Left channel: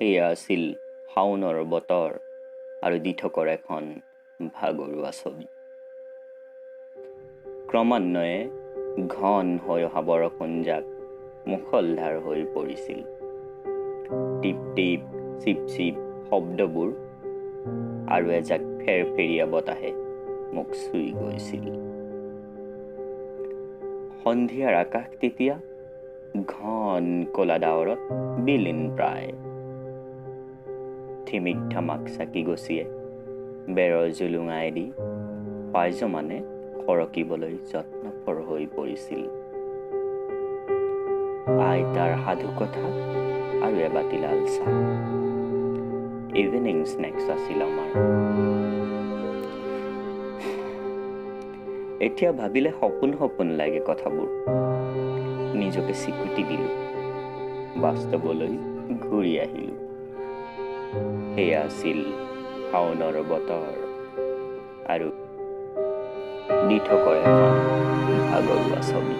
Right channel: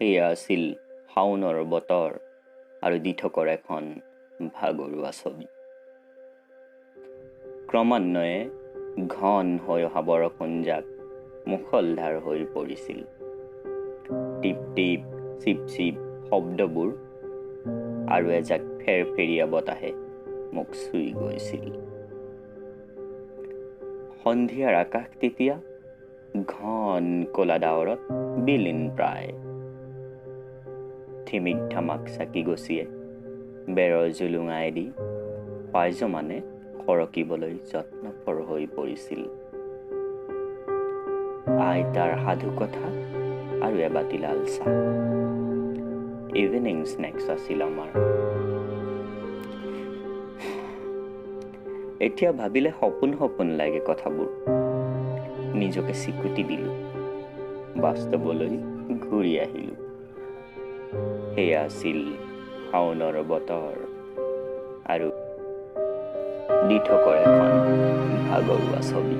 সেয়া আছিল শাওনৰ বতৰ আৰু দিঠকৰ এখন ভাগৰুৱা ছবি। ক্ৰমান্বয়ে ঘন হৈ অহা বৰষুণজাক মুষলধাৰ হৈ পৰিছিল। টিপ টিপ চিপ চিপ শব্দবোৰ আৰু এজাক ফেৰফেৰীয়া বতাহে মোক চুই গৈছিল। সন্ধিয়াৰ আকাশ তেতিয়া ঘন কলা ডাৱৰত বিলীন প্ৰায়। থিমিক ধামাক চাকি গছিয়ে বেৰৰ জুলুঙাইদি পাইজমানে সৰকিবলৈ যত্নপৰ হৈ পৰিছিল। আইতাৰ সাধু কথা আৰু এবাতি লাল চাহ ইভিনিং স্নেক্স আছিল আমাৰ। এতিয়া ভাবিলে সপোন সপোন লাগে কথাবোৰ। নিজকে চিকুটি দিলোঁ, বাস্তৱলৈ ঘূৰি আহিলোঁ। সেয়া আছিল শাওনৰ বতৰ আৰু দিঠকৰ এখন ভাগৰুৱা ছবি।